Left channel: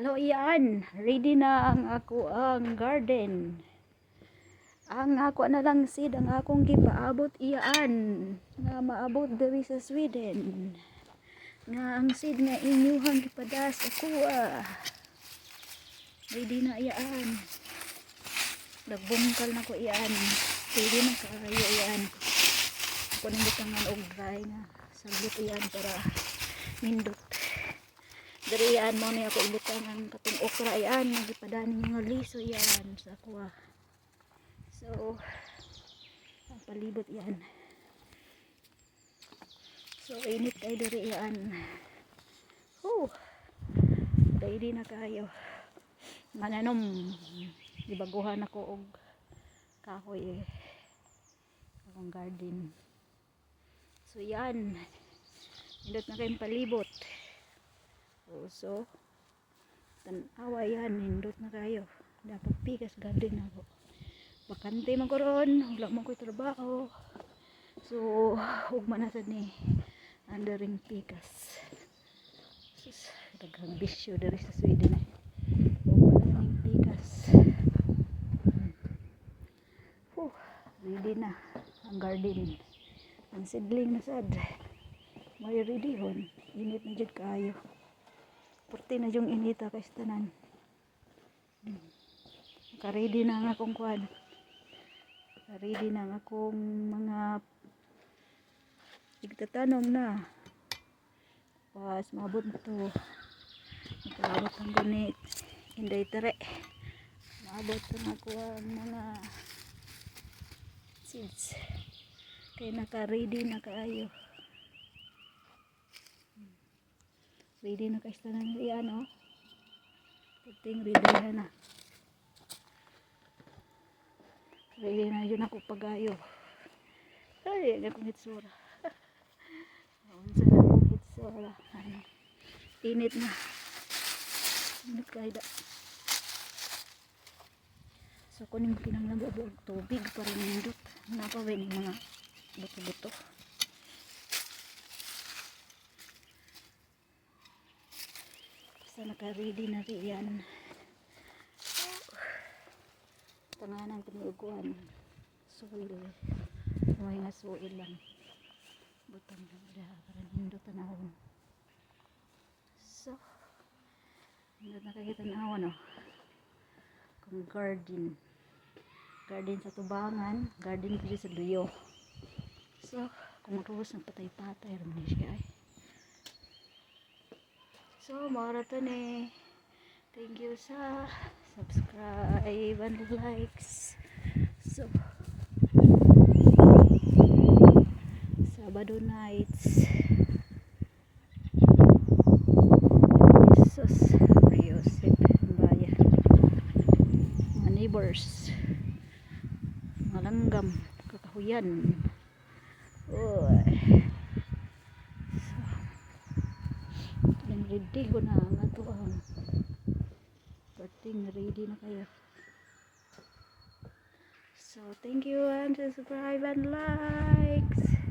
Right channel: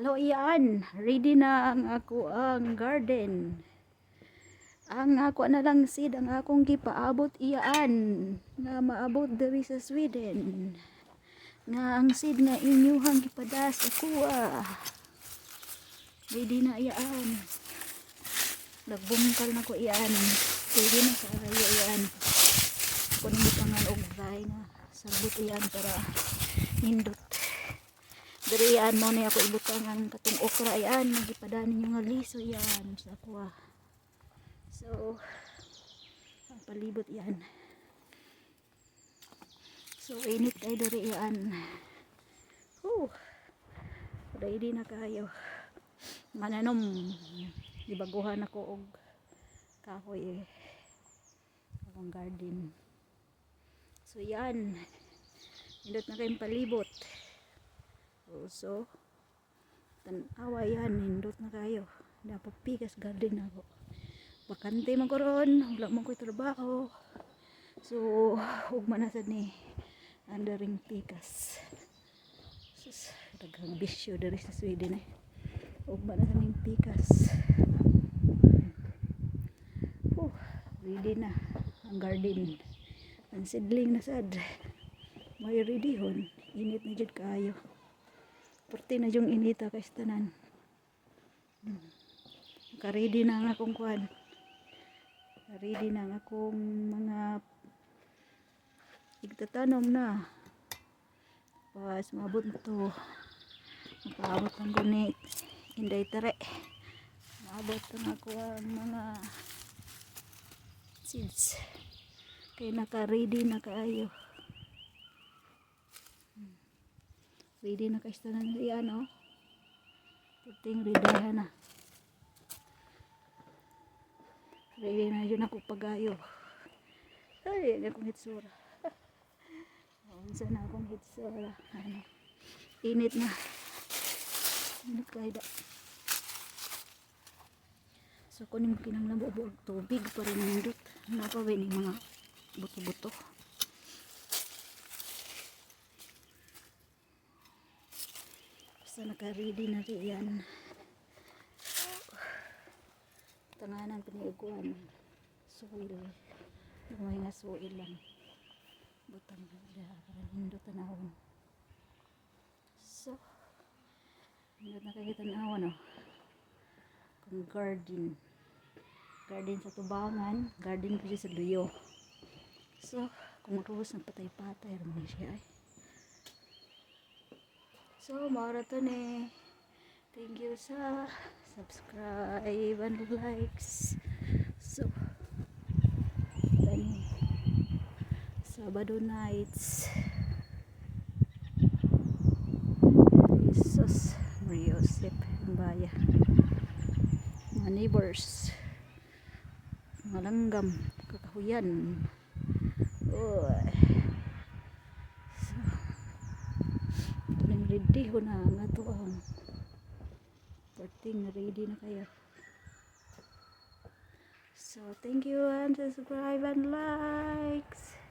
Hello, iyan. Ready na ang ako ang garden. Ang ako na lang seed ang akong gipaabot iyan. Nga maabot diri sa Sweden. Nga ang seed na inyuhang gipadas ako Ready na iyan. Nagbungkal na ko iyan. Ready na kaayo iyan. Ako nang gitangan og dry na sagot iyan para nindot. Dari yan mo ni ako ibutang ang katong okra yan, nagipadani mga liso yan sa kuha. So, ang palibot yan. So, init tayo dari yan. Ready na kayo. Mananom, ibaguhan ako og kahoy akong garden. So, yan. Indot na kayong palibot. So, tanawa yan, hindot na kayo. Dapat pikas garden ako. Bakante man ko ron, wala man ko trabaho. So, hugma na sad ni andering pikas. Sus, daghang bisyo dari sa Sweden eh. Hugma na ning pikas. Ready na ang garden. Ang seedling na sad. May ready hon. Init na jud kayo. Perti na yung inita kay tanan. Ka-ready na ang akong kwan. Ka-ready na ang akong mga igtatanom na. Pas mabot na to. Nakaabot ang gunit. Inday tere. Maabot na ako ang mga seeds. Kaya naka-ready na kaayo. Ready na kasi tanan yan, oh. Puting ready na. Ready na yun ako pagayo. Ay, yan akong hitsura. Unsa na akong hitsura. Init na. Init kaida. So, kunin mo kinang nabubuog tubig para nindot. Napawin yung mga buto-buto. So, naka-ready na rin yan. Tanganan piniuguan. Soil. May nga soil lang. Butang na para nindot tanawon. So, nindot na kayo tanawon, oh. Kung garden. Garden sa tubangan. Garden ko sa duyo. So, kung magkawas ng patay-patay, raman siya ay. So, mara to ni. Thank you sa subscribe and likes. So, Sabado nights. Jesus, Mariosip, Baya. Mga neighbors. Mga langgam, kakahuyan. Ready ko na nga to ang ready na kayo. So thank you and subscribe and likes.